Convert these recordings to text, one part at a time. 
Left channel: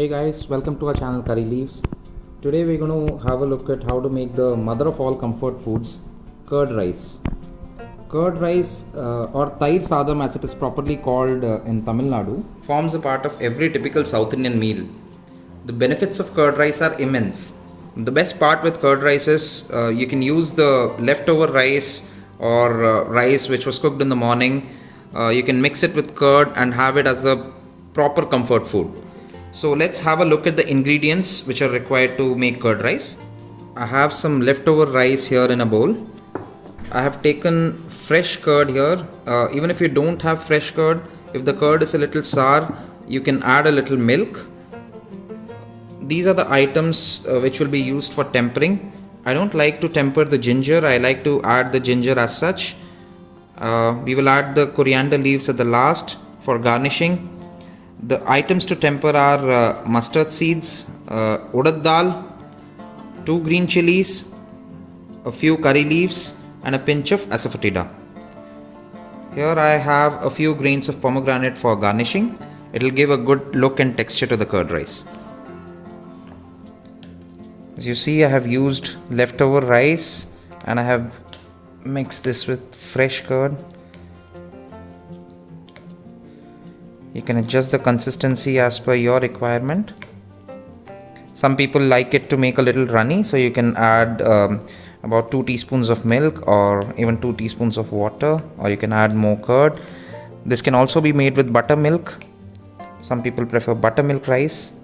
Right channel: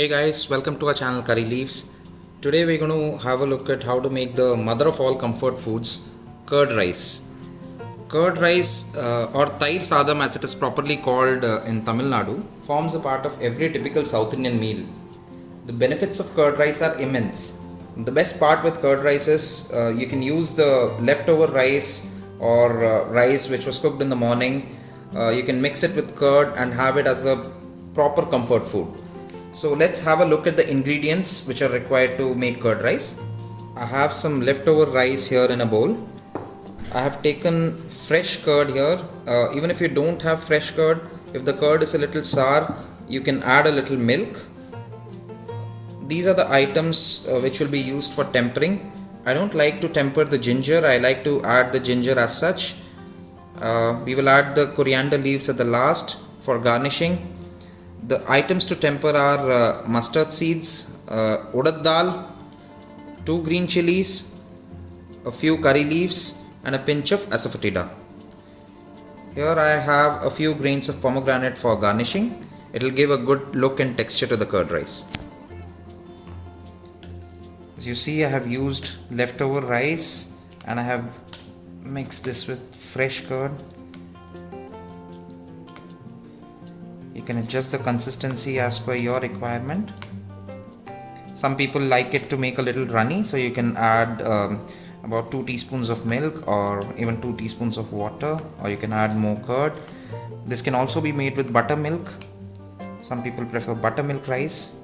Hey guys, welcome to our channel Curry Leaves. Today we're going to have a look at how to make the mother of all comfort foods, curd rice. Curd rice or Tair Sadam as it is properly called in Tamil Nadu forms a part of every typical South Indian meal. The benefits of curd rice are immense. The best part with curd rice is you can use the leftover rice or rice which was cooked in the morning. You can mix it with curd and have it as the proper comfort food. So let's have a look at the ingredients which are required to make curd rice. I have some leftover rice here in a bowl. I have taken fresh curd here. Even if you don't have fresh curd, if the curd is a little sour, you can add a little milk. These are the items which will be used for tempering. I don't like to temper the ginger. I like to add the ginger as such. We will add the coriander leaves at the last for garnishing. The items to temper are mustard seeds, urad dal, 2 green chilies, a few curry leaves and a pinch of asafoetida. Here I have a few grains of pomegranate for garnishing. It will give a good look and texture to the curd rice. As you see, I have used leftover rice and I have mixed this with fresh curd. You can adjust the consistency as per your requirement. Some people like it to make a little runny, so you can add about 2 teaspoons of milk or even 2 teaspoons of water, or you can add more curd. This can also be made with buttermilk. Some people prefer buttermilk rice.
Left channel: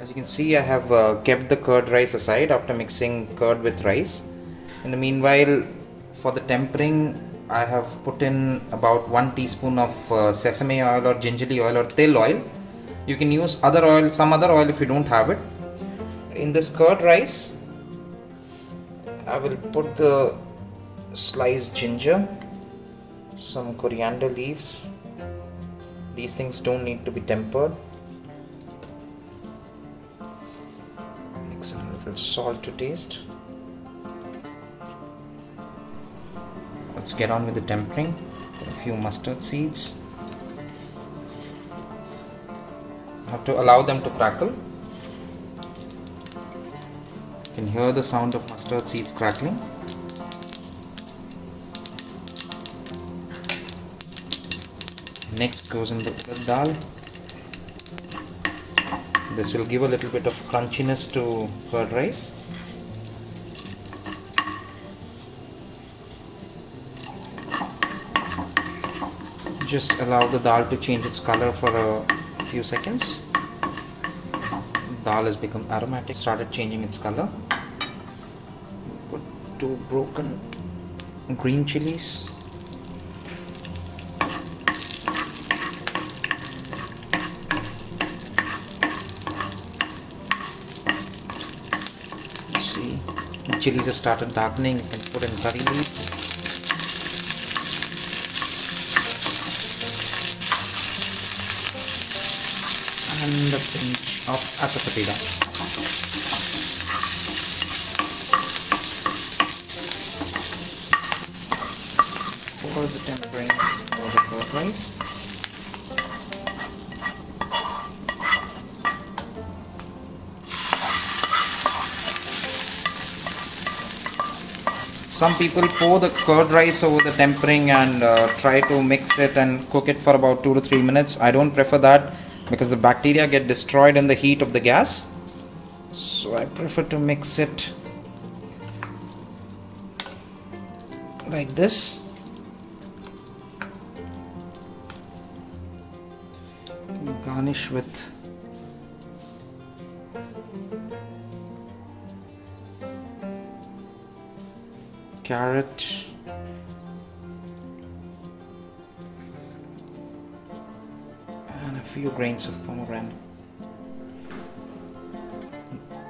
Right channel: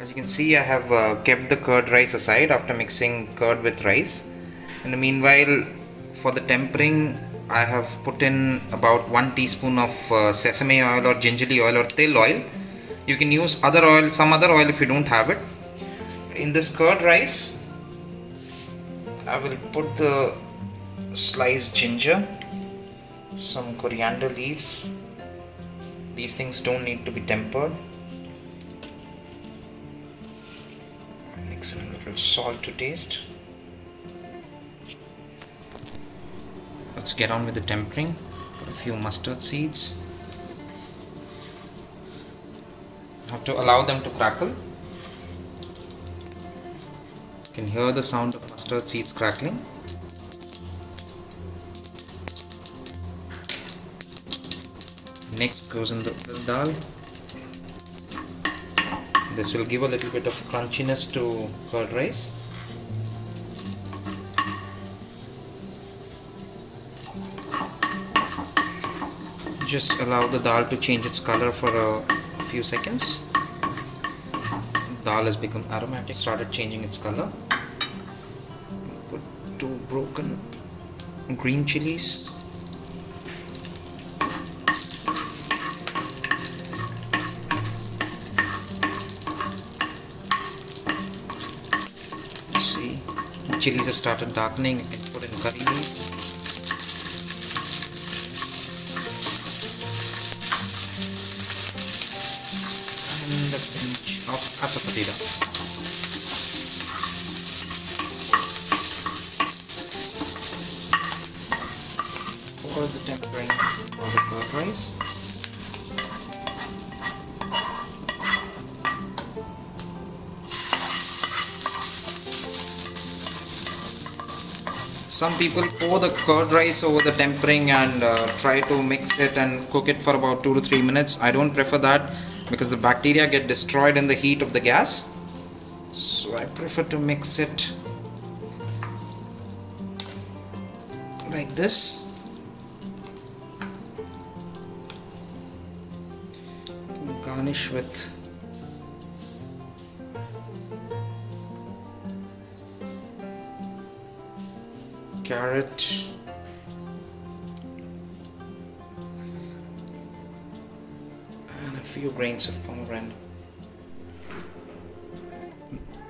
As you can see, I have kept the curd rice aside after mixing curd with rice. In the meanwhile, for the tempering, I have put in about 1 teaspoon of sesame oil or gingerly oil or til oil. You can use other oil, some other oil if you don't have it. In this curd rice, I will put the sliced ginger, some coriander leaves. These things don't need to be tempered. Mix in a little salt to taste. Let's get on with the tempering. Put a few mustard seeds. Have to allow them to crackle. You can hear the sound of mustard seeds crackling. Next goes in the urad dal. This will give a little bit of crunchiness to curd rice. Just allow the dal to change its color for a few seconds. Dal has become aromatic, started changing its color. Put 2 broken green chilies. See, the chilies have started darkening. You can put in curry leaves. And a pinch of asafoetida. For the tempering of the curd rice. Some people pour the curd rice over the tempering and try to mix it and cook it for about 2 to 3 minutes. I don't prefer that, because the bacteria get destroyed in the heat of the gas. So I prefer to mix it like this. Garnish with carrot, and a few grains of pomegranate.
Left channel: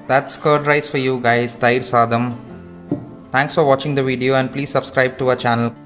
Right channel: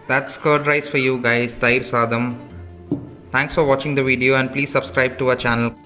That's curd rice for you guys, Tair Sadam. Thanks for watching the video and please subscribe to our channel.